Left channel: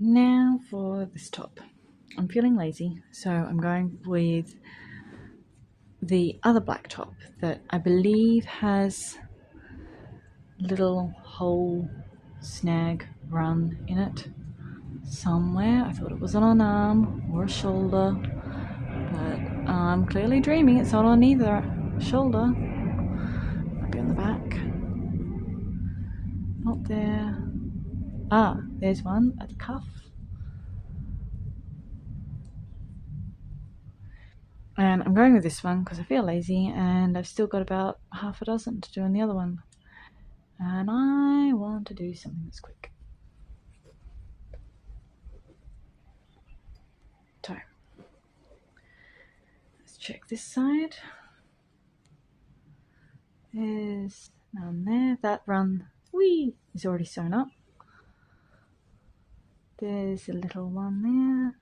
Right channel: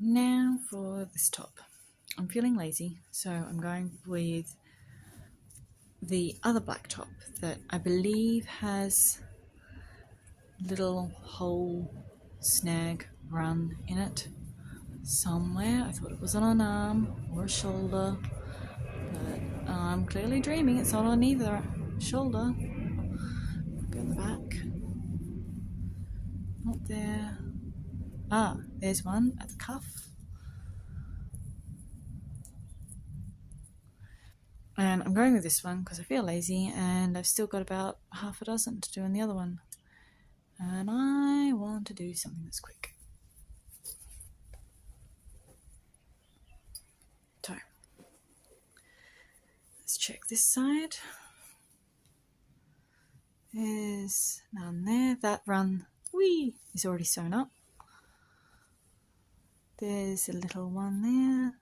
Now for this top. I'm feeling lazy, so I'm going with the other black top that I believe has little hole snag run in it somewhere. I thought it was on an arm or a shoulder, but I'm clearly dreaming. It's not on either shoulder. Might be on the back. Not there. Ah, there's one at the cuff. And I'm going with this one because I feel lazy and I've still got about half a dozen to do on the other one. And I want to do something that's quick. So, let's check this side. There's none there. That run, whee, is already sewn up. There's a little one there.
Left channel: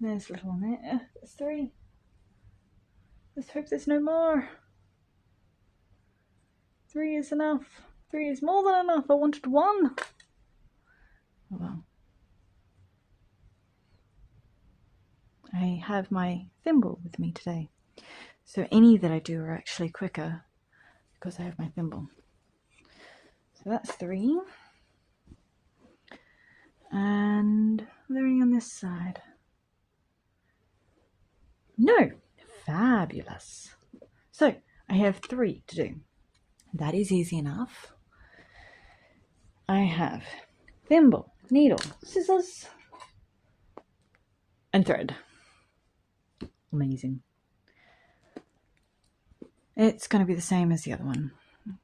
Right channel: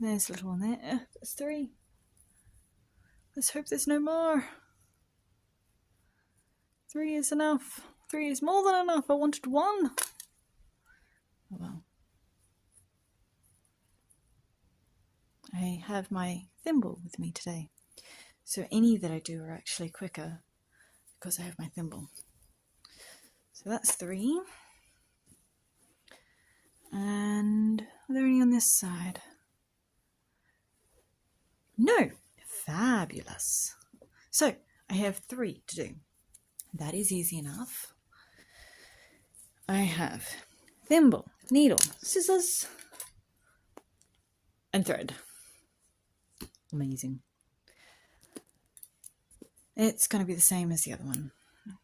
There's a little one there. There's three. Let's hope there's no more. 3 is enough. 3 is more than enough. I wanted 1. Oh well. I have my thimble with me today. So any that I do are actually quicker because I have my thimble. So that's 3. And are there any on this side? No. Fabulous. So I have 3 to do. That is easy enough. I have thimble, needle, scissors, and thread. Amazing. It's going to be the same as the other one.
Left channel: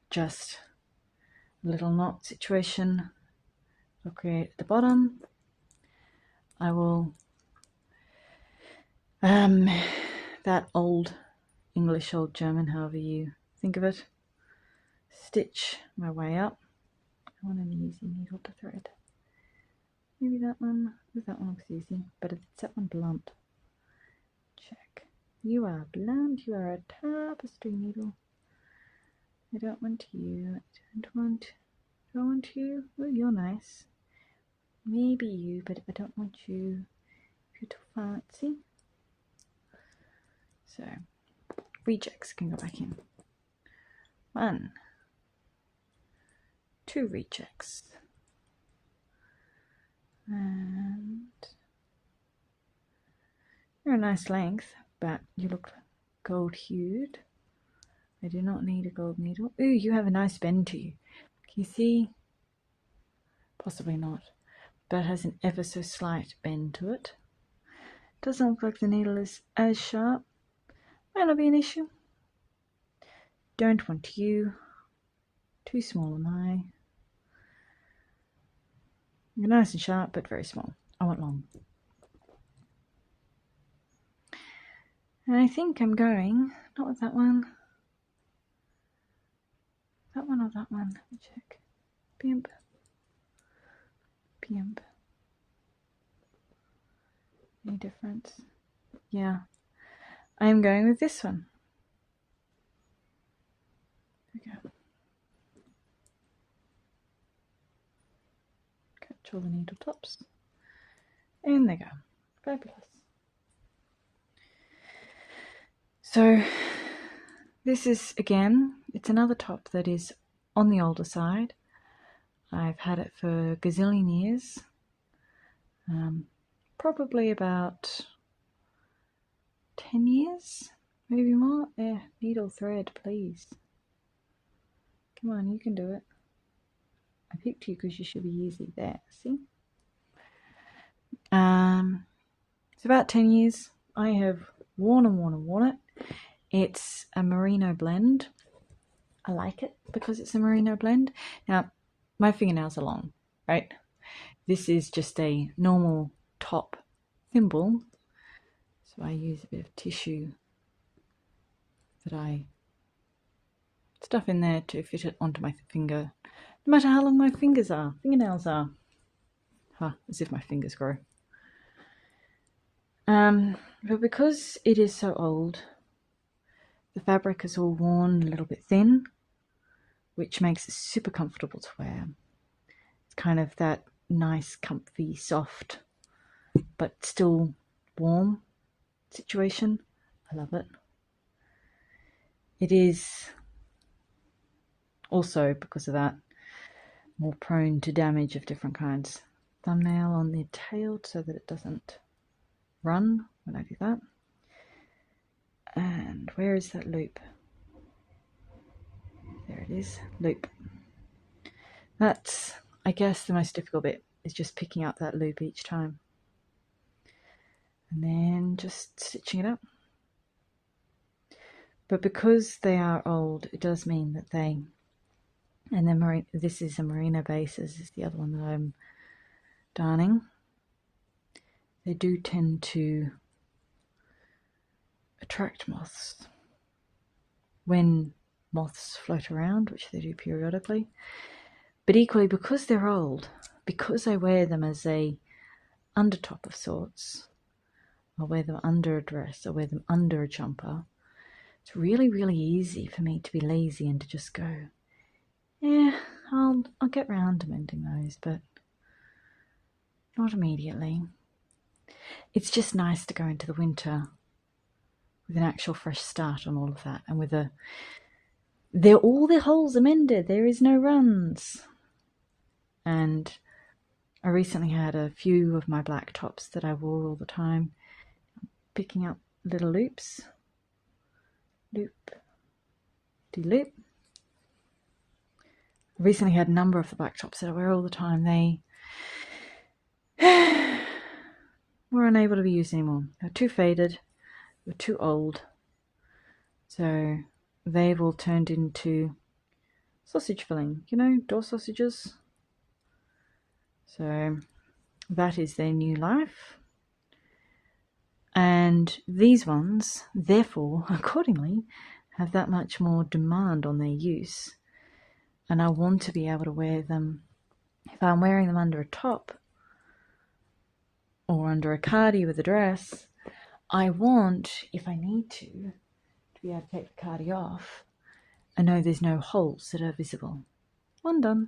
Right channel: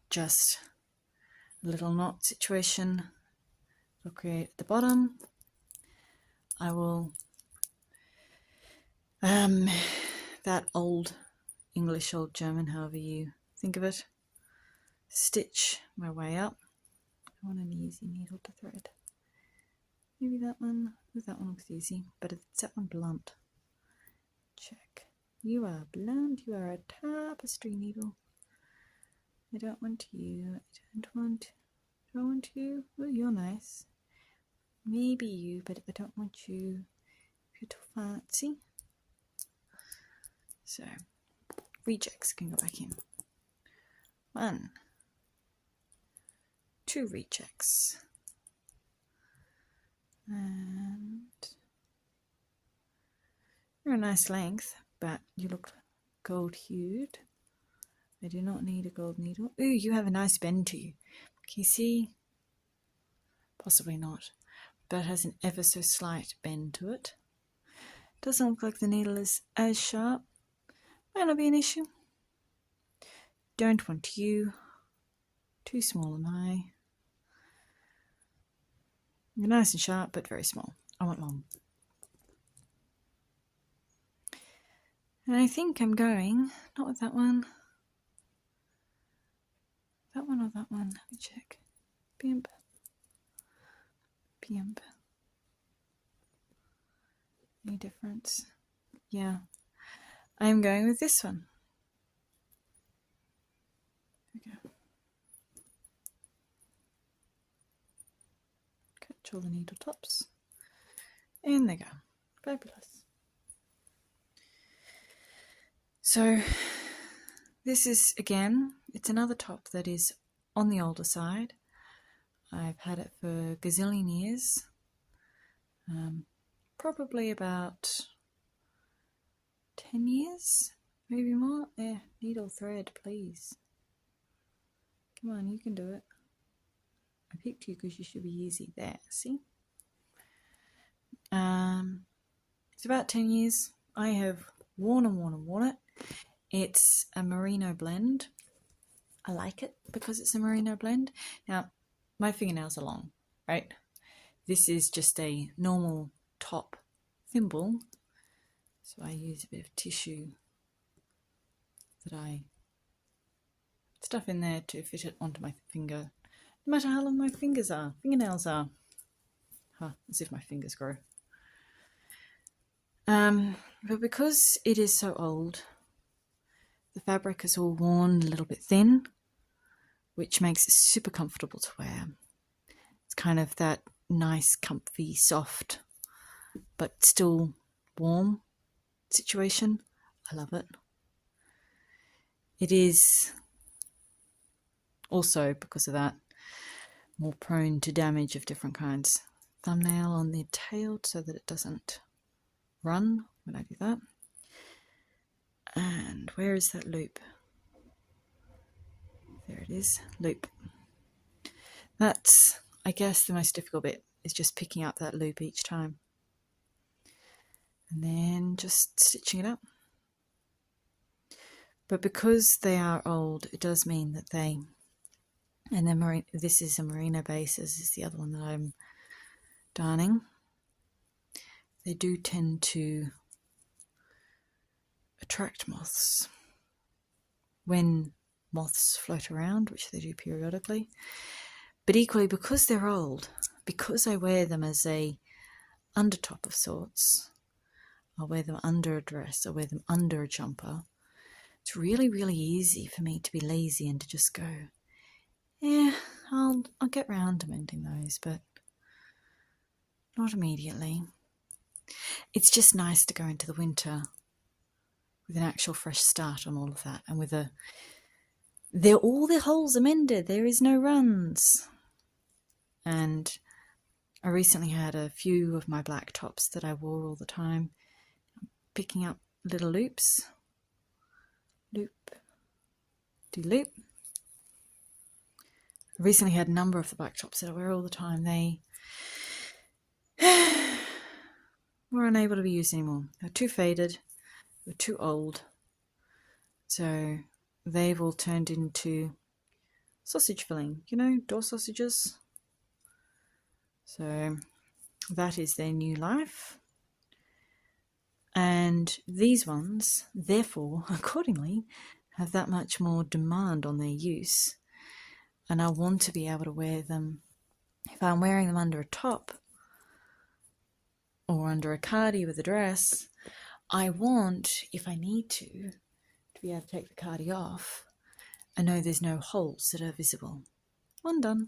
Just a little knot situation. I'll create at the bottom. I will that old English, old German, however you think of it, stitch my way up. I want an easy needle to thread. Maybe that one. That one looks easy, but it's that one blunt. Check. You are blunt. You are a tapestry needle. I don't want you. I don't want you. Well, you're nice. Maybe you, but I don't want you. You're too fancy. So, rejects can go back in. 1, 2 rejects. And you're a nice length, but you look gold hued. I do not need a gold needle. Ooh, you have a nice bend to you. Can you see? Possibly not, but it has an ever so slight bend to it. Doesn't look like the needle is as sharp. Might not be an issue. Don't want you. Too small am I. You're nice and sharp, but very small. I want long. And I think I'm going, not with that one. That one or that one? Let me check. Pimp. Pimp. Any difference? Yeah. I am going with this one. There we go. Catch all the needle tops. And there you go. Fabulous. So this is, again, it's another top that is on the older side. I've had it for a gazillion years. Probably about 10 years, maybe more. There, needle thread, please. Come on, you can do it. I picked you because you should be easy. There, see? It's about 10 years. I have worn it. It's a merino blend. I like it because it's a merino blend. Now, my fingernails are long, right? This is just a normal top thimble. So I use a bit of tissue that I stuff in there to fit it onto my finger, no matter how long my fingernails are. As if my fingers grow. But because it is so old, the fabric is all worn a little bit thin, which makes it super comfortable to wear. It's kind of that nice, comfy, soft, but still warm situation. I love it. It is also, because of that, more prone to damage of different kinds. Thumbnail on the tail so that it doesn't run when I do that. And where is that loop? There it is, loop. That's, I guess, the most difficult bit, is just picking up that loop each time. And then just stitching it up. But because they are old, it does mean that they, and then this is a merino base, this is the other one that I'm darning. They do tend to attract moths when moths float around, which they do periodically. But equally, because they're old, because I wear them as a undertop of sorts, I wear them under a dress, I wear them under a jumper, it's really, really easy for me to be lazy and to just go, yeah, I'll get round to mending those, but not immediately. It's just nice to go into the winter with an actual fresh start on all of that, and with all the holes are mended, there is no runs. And I recently had a few of my black tops that I wore all the time, picking up little loops, loop, do loop. I recently had a number of the black tops that I wear all the time. They were unable to be used anymore. They're too faded, they're too old. So they've all turned into sausage filling, you know, door sausages. So that is their new life. And these ones, therefore, accordingly, have that much more demand on their use. And I want to be able to wear them, if I'm wearing them under a top or under a cardi with a dress, I want, if I need to be able to take the cardi off and know there's no holes that are visible. One done.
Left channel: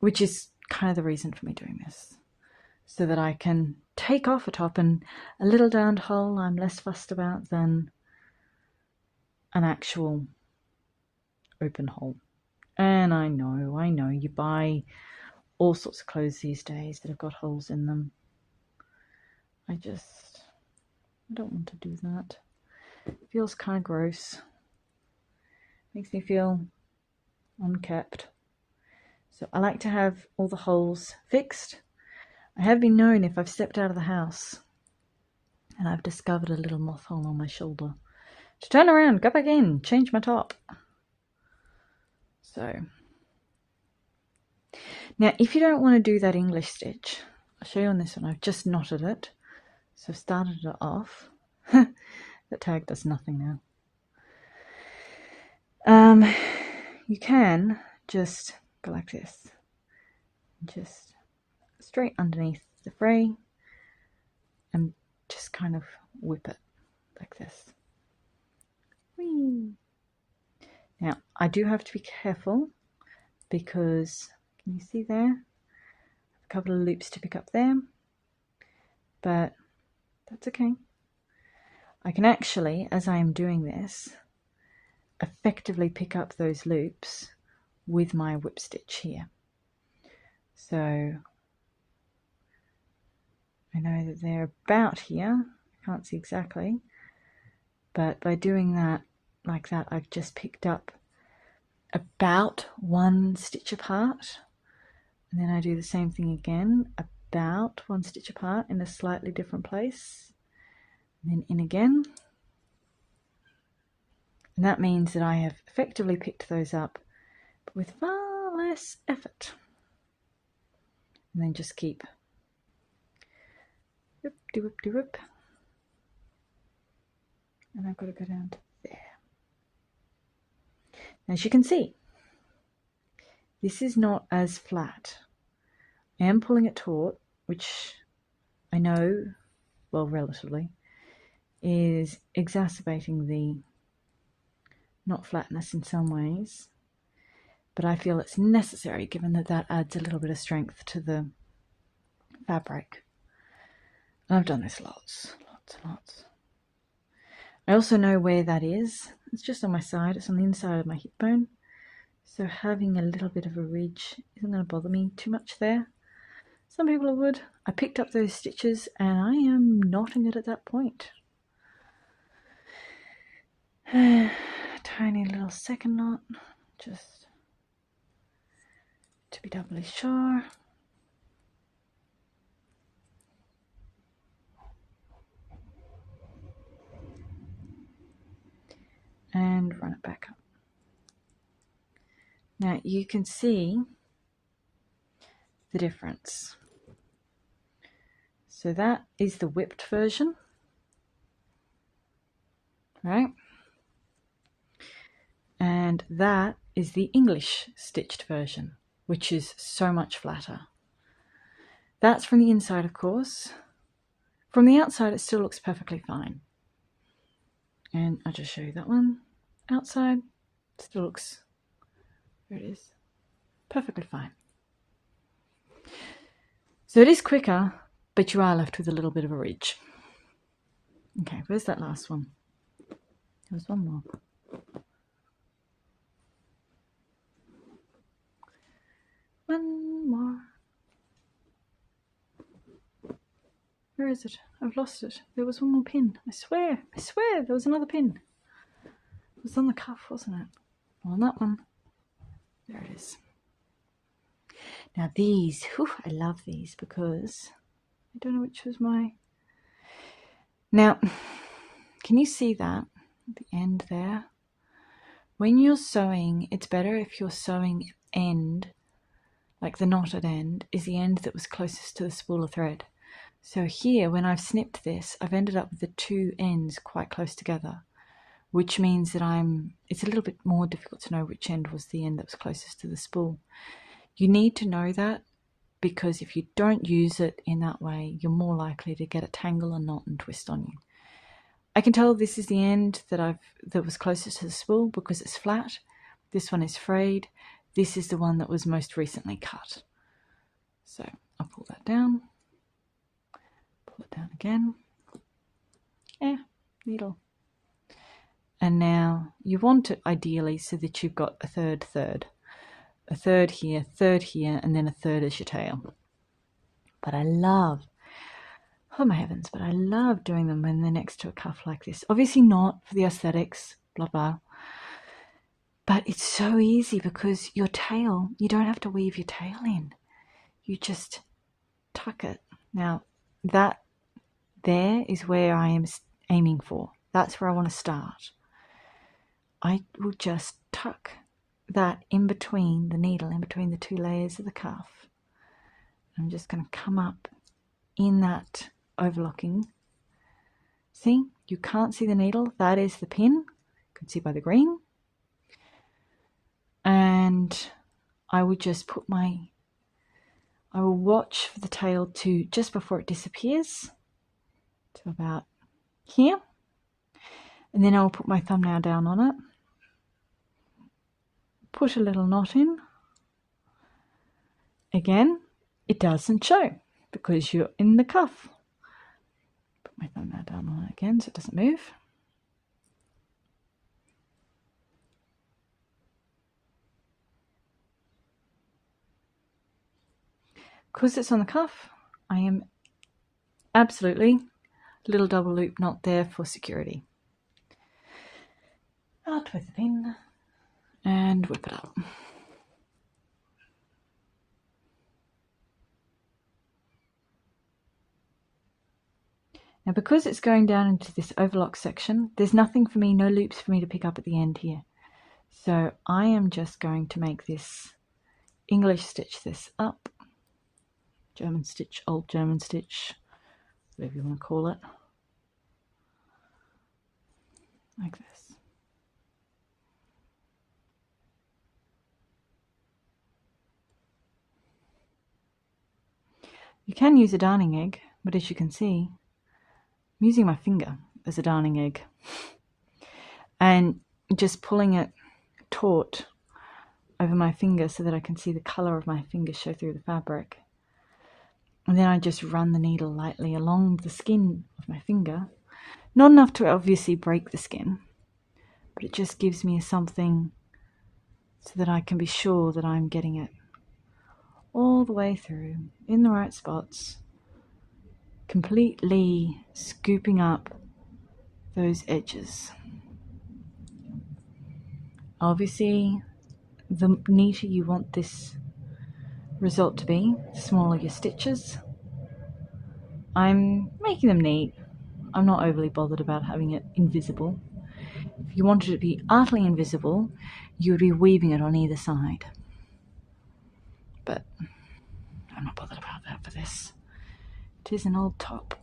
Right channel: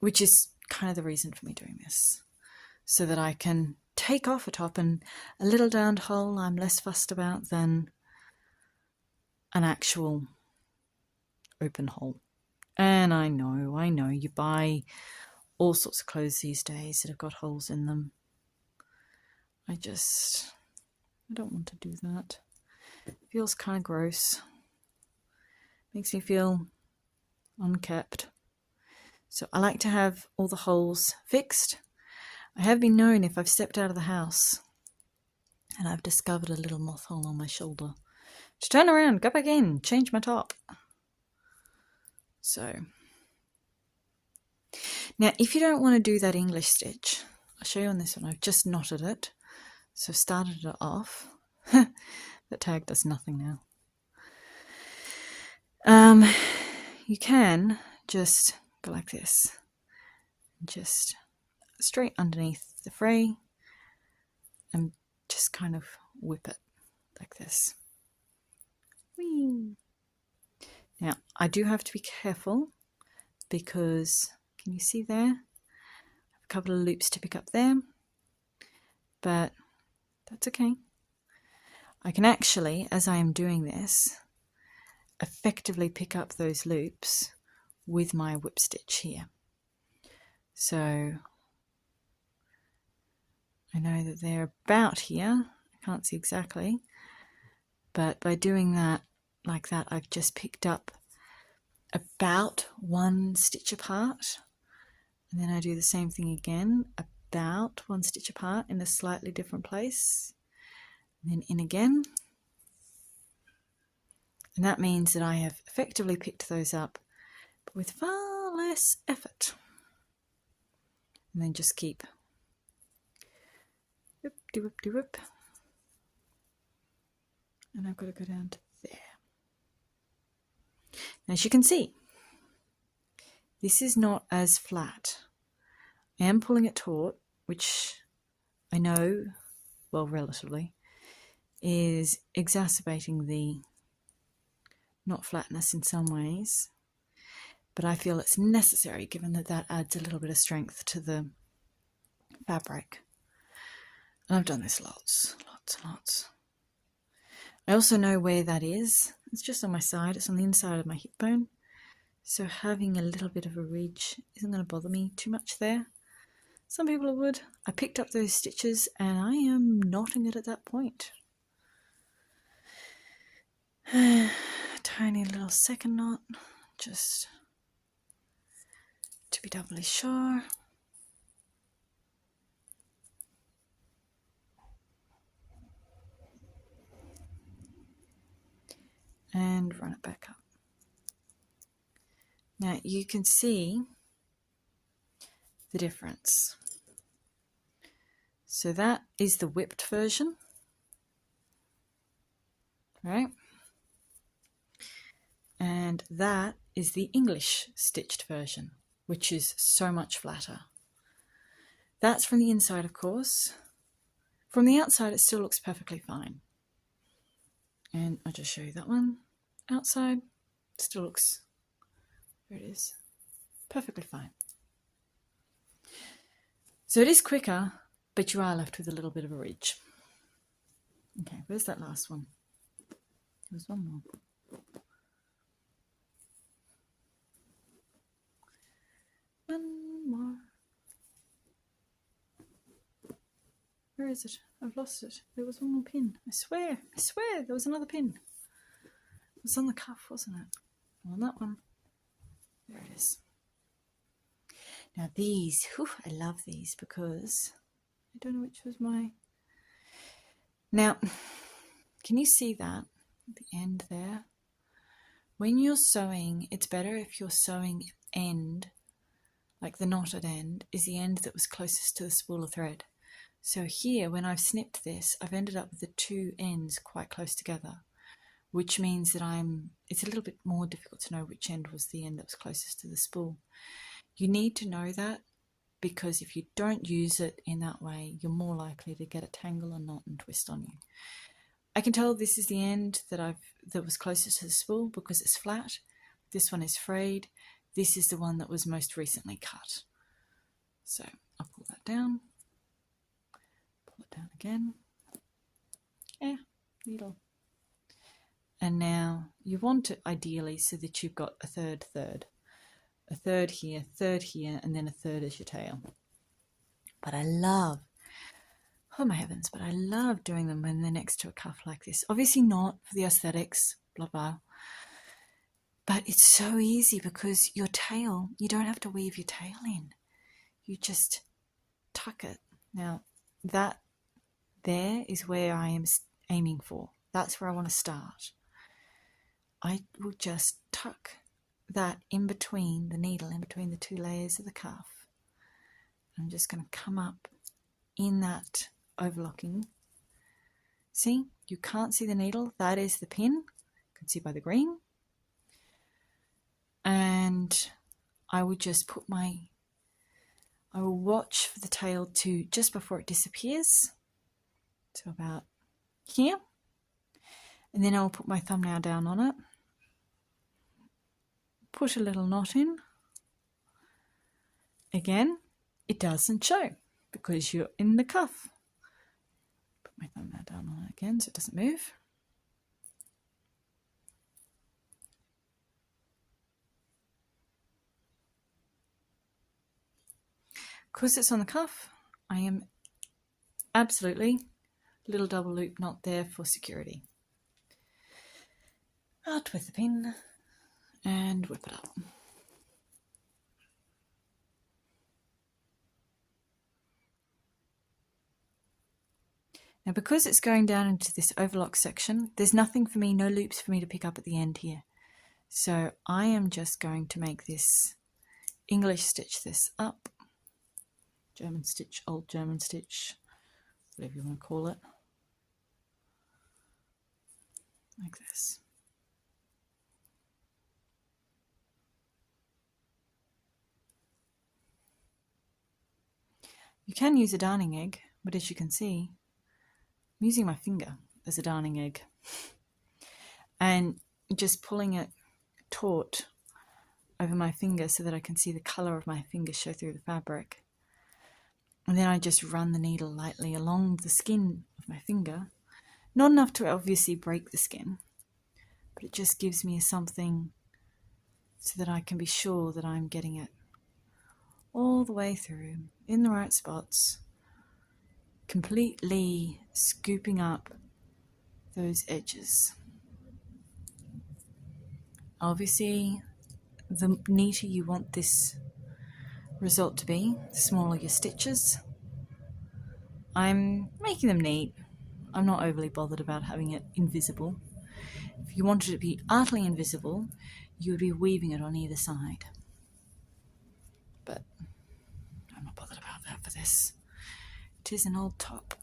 Which is kind of the reason for me doing this, so that I can take off a top, and a little darned hole I'm less fussed about than an actual open hole. And I know, you buy all sorts of clothes these days that have got holes in them. I don't want to do that. It feels kind of gross. Makes me feel unkept. So I like to have all the holes fixed. I have been known, if I've stepped out of the house and I've discovered a little moth hole on my shoulder, to turn around, go back in, change my top. So now, if you don't want to do that English stitch, I'll show you on this one. I've just knotted it, so I've started it off. That tag does nothing now. You can just go like this, just straight underneath the fray, and just kind of whip it like this. Whee! Now, I do have to be careful, because can you see there? I have a couple of loops to pick up there, but that's okay. I can actually, as I am doing this, effectively pick up those loops with my whip stitch here. So I know that they're about here. I can't see exactly, but by doing that like that, I've just picked up about one stitch apart, and then I do the same thing again, about one stitch apart in a slightly different place, and then in again. And that means that I have effectively picked those up, but with far less effort. And then just keep whoop, de whoop, de whoop. And I've got to go down to there. As you can see, this is not as flat. I am pulling it taut, which I know, well, relatively, is exacerbating the not flatness in some ways. but I feel it's necessary given that that adds a little bit of strength to the fabric. And I've done this lots and lots. I also know where that is. It's just on my side. It's on the inside of my hip bone. So having a little bit of a ridge isn't going to bother me too much there. Some people it would. I picked up those stitches and I am knotting it at that point. Tiny little second knot, just to be doubly sure. And run it back up. Now you can see the difference. So that is the whipped version, right? And that is the English stitched version, which is so much flatter. That's from the inside, of course. From the outside, it still looks perfectly fine. And I'll just show you that one. Outside, still looks, there it is, perfectly fine. So it is quicker, but you are left with a little bit of a ridge. Okay, where's that last one? There's one more. One more. Where is it? I've lost it. There was one more pin. I swear there was another pin. It was on the cuff, wasn't it? On that one. There it is. Now these, whew, I love these because I don't know which was my... Now, can you see that at the end there? When you're sewing, it's better if you're sewing end, like the knotted end, is the end that was closest to the spool of thread. So here, when I've snipped this, I've ended up with the two ends quite close together, which means that it's a little bit more difficult to know which end was the end that was closest to the spool. You need to know that because if you don't use it in that way, you're more likely to get a tangle and knot and twist on you. I can tell this is the end that was closest to the spool because it's flat. This one is frayed. This is the one that was most recently cut. So I'll pull that down. Pull it down again. Needle. And now you want it ideally so that you've got a third. A third here, and then a third as your tail. But I love, oh my heavens, but I love doing them when they're next to a cuff like this. Obviously not for the aesthetics, blah, blah. But it's so easy because your tail, you don't have to weave your tail in. You just tuck it. Now, that there is where I am aiming for. That's where I want to start. I will just tuck that in between the needle, in between the two layers of the cuff. I'm just going to come up in that overlocking. See, you can't see the needle. That is the pin. You can see by the green. And I would just I will watch for the tail to just before it disappears. So about here. And then I'll put my thumbnail down on it. Put a little knot in. Again, it doesn't show because you're in the cuff. Put my thumbnail down on it again so it doesn't move. Because it's on the cuff, I am absolutely little double loop knot there for security. I'll twist the pin and whip it up. Now because it's going down into this overlock section, there's nothing for me, no loops for me to pick up at the end here. So I am just going to make this English stitch this up. German stitch, old German stitch, whatever you want to call it. Like this. You can use a darning egg, but as you can see, I'm using my finger as a darning egg. And just pulling it taut, over my finger so that I can see the colour of my finger show through the fabric. And then I just run the needle lightly along the skin of my finger. Not enough to obviously break the skin, but it just gives me something so that I can be sure that I'm getting it all the way through in the right spots, completely scooping up those edges. Obviously, the neater you want this result to be, the smaller your stitches. I'm making them neat. I'm not overly bothered about having it invisible. If you wanted it to be utterly invisible, you would be weaving it on either side. But I'm not bothered about that for this. It is an old top.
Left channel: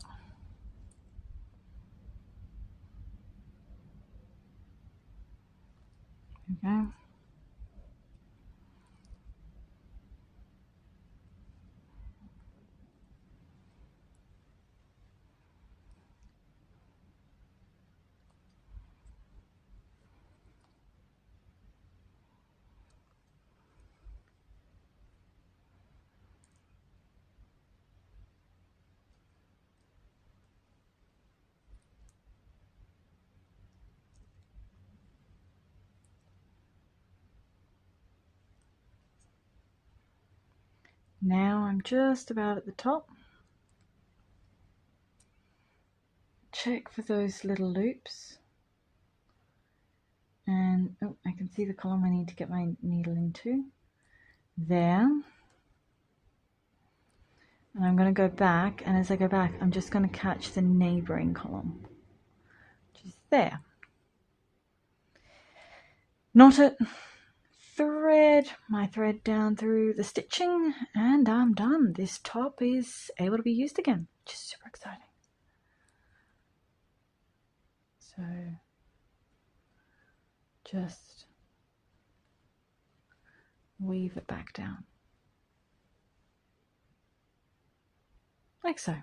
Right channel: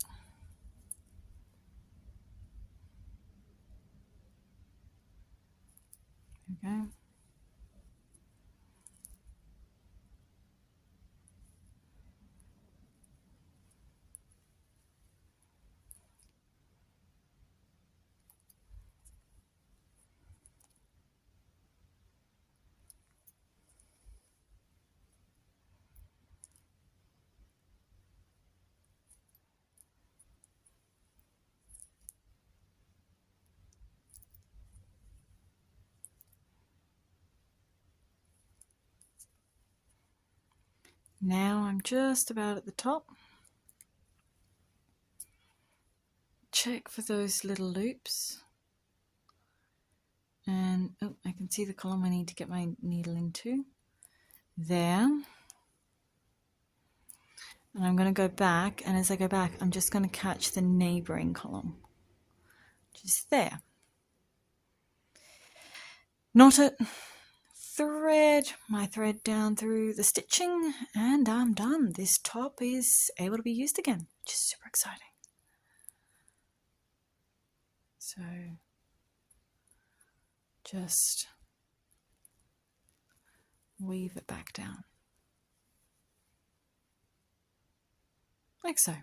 There we go. Now I'm just about at the top. Check for those little loops. And oh, I can see the column I need to get my needle into. There. And I'm going to go back, and as I go back, I'm just going to catch the neighbouring column, which is there. Knot it, thread my thread down through the stitching, and I'm done. This top is able to be used again, which is super exciting. So just weave it back down. Like so.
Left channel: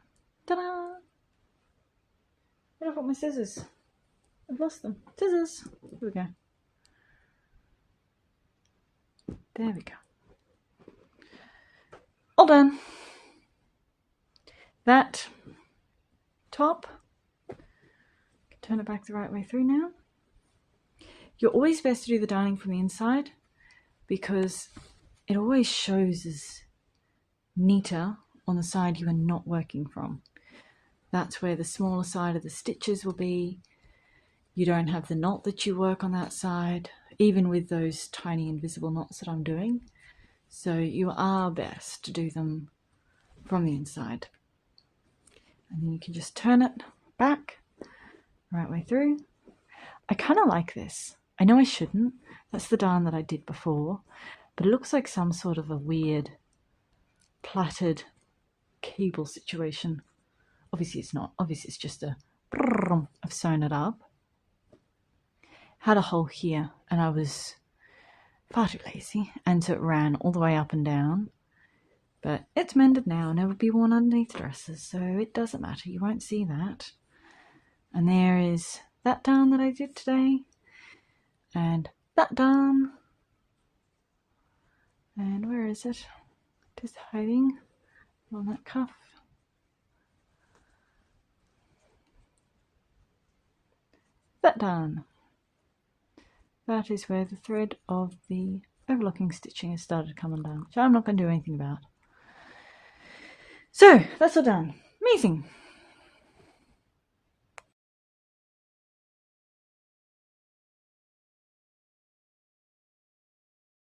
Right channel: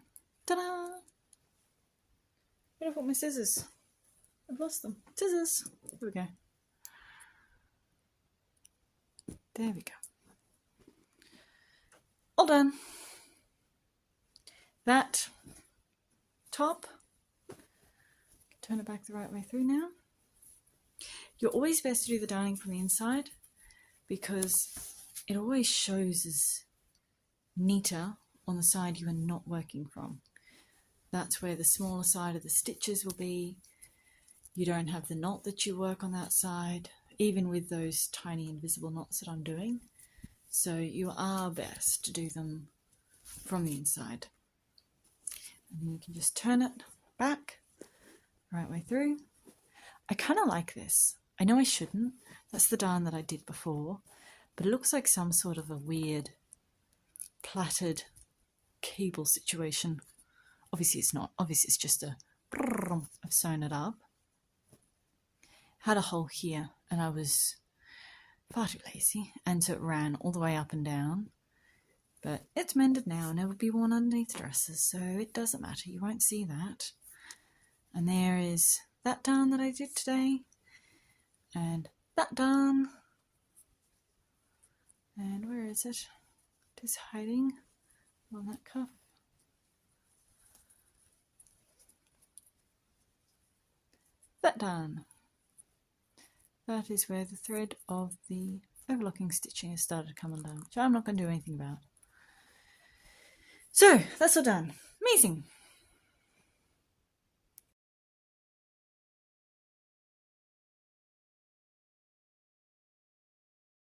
Ta-da! Where have I put my scissors? I've lost them. Scissors! Here we go. There we go. All done. That top, turn it back the right way through now. You're always best to do the darning from the inside because it always shows as neater on the side you are not working from. That's where the smaller side of the stitches will be. You don't have the knot that you work on that side, even with those tiny invisible knots that I'm doing. So you are best to do them from the inside. And then you can just turn it back, right way through. I kind of like this. I know I shouldn't. That's the darn that I did before, but it looks like some sort of a weird plaited cable situation. Obviously it's not. Obviously it's just a brrrr. I've sewn it up. Had a hole here and I was far too lazy, and so it ran all the way up and down. But it's mended now and it will be worn underneath dresses, so it doesn't matter. You won't see that. And there is that darn that I did today, and that darn. And where is it? It is hiding on that cuff. That darn. That is where the thread of the overlocking stitching has started coming down, which I'm not going to do anything about. So that's all done. Amazing.